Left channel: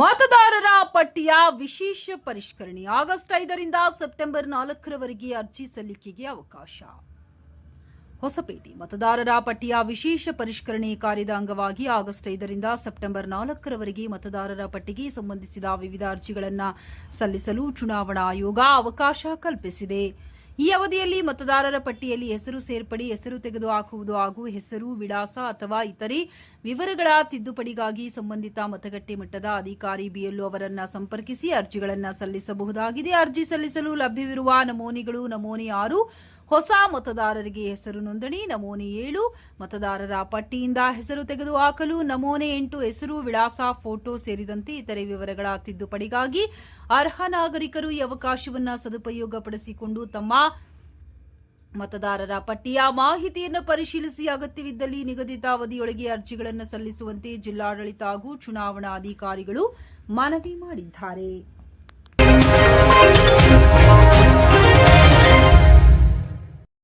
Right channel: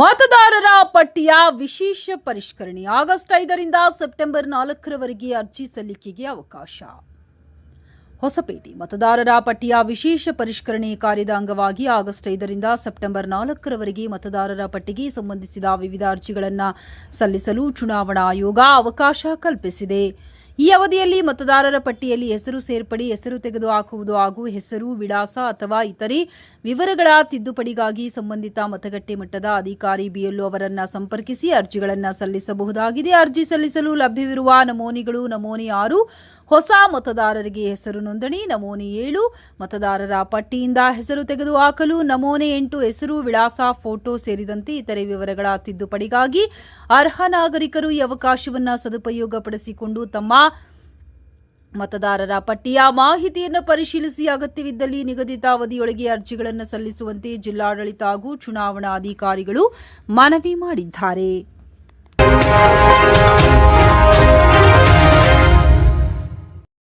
ಮತದಾರರ ಪಟ್ಟಿಯ ವಿಶೇಷ ಪರಿಷ್ಕರಣೆ ಆಗಸ್ಟ್ 5ರಿಂದ ಸೆಪ್ಟೆಂಬರ್ 4ರವರೆಗೆ ಅರ್ಜಿ ಸಲ್ಲಿಕೆಗೆ ಅವಕಾಶ. ಹೊಸಪೇಟೆ ಮತದಾರರ ಪಟ್ಟಿಯ ವಿಶೇಷ ಪರಿಷ್ಕರಣೆ ಕಾರ್ಯದ ಅಂಗವಾಗಿ ಆಗಸ್ಟ್ 5ರಿಂದ ಸೆಪ್ಟೆಂಬರ್ 4ರವರೆಗೆ ಮತದಾರರ ಪಟ್ಟಿಗೆ ಸಂಬಂಧಿಸಿದ ವಿವಿಧ ಅರ್ಜಿಗಳನ್ನು ಸಲ್ಲಿಸಲು ಚುನಾವಣಾ ಆಯೋಗ ಅವಕಾಶ ಕಲ್ಪಿಸಿದೆ. ಈ ಅವಧಿಯಲ್ಲಿ ಮತದಾರರ ಪಟ್ಟಿಯಲ್ಲಿ ಹೆಸರು ಸೇರ್ಪಡೆ, ಹೆಸರು ತೆಗೆದುಹಾಕುವುದು ಹಾಗೂ ಹೆಸರು, ವಿಳಾಸ ಅಥವಾ ಇತರೆ ವಿವರಗಳ ತಿದ್ದುಪಡಿಗಾಗಿ ಸಂಬಂಧಿತ ಮತಗಟ್ಟೆ ಮಟ್ಟದ ಅಧಿಕಾರಿ ಬಿಎಲ್ಒ ಅವರನ್ನು ಸಂಪರ್ಕಿಸಿ ಅರ್ಜಿಗಳನ್ನು ಸಲ್ಲಿಸಬಹುದಾಗಿದೆ. ಅರ್ಜಿ ಸಲ್ಲಿಸಲು ಲಭ್ಯವಿರುವ ನಮೂನೆಗಳು: ನಮೂನೆ 6 ಹೊಸ ಮತದಾರರಿಗೆ ಹೆಸರು ನೋಂದಣಿ, ನಮೂನೆ 7 ಮತದಾರರ ಪಟ್ಟಿಯಿಂದ ಹೆಸರು ತೆಗೆದುಹಾಕಲು, ನಮೂನೆ 8 ಹೆಸರು, ವಿಳಾಸ, ಫೋಟೋ ಸೇರಿದಂತೆ ಇತರೆ ವಿವರಗಳ ತಿದ್ದುಪಡಿಗಾಗಿ ಅರ್ಹ ನಾಗರಿಕರು ಈ ಅವಕಾಶವನ್ನು ಸದುಪಯೋಗಪಡಿಸಿಕೊಂಡು ತಮ್ಮ ಮತದಾರರ ಪಟ್ಟಿಯ ಮಾಹಿತಿಯನ್ನು ಪರಿಶೀಲಿಸಿ ಅಗತ್ಯವಿದ್ದಲ್ಲಿ ನಿಗದಿತ ಅವಧಿಯೊಳಗೆ ಅರ್ಜಿಗಳನ್ನು ಸಲ್ಲಿಸುವಂತೆ ಜಿಲ್ಲಾಡಳಿತ ಹಾಗೂ ಚುನಾವಣಾ ಅಧಿಕಾರಿಗಳು ಮನವಿ ಮಾಡಿದ್ದಾರೆ.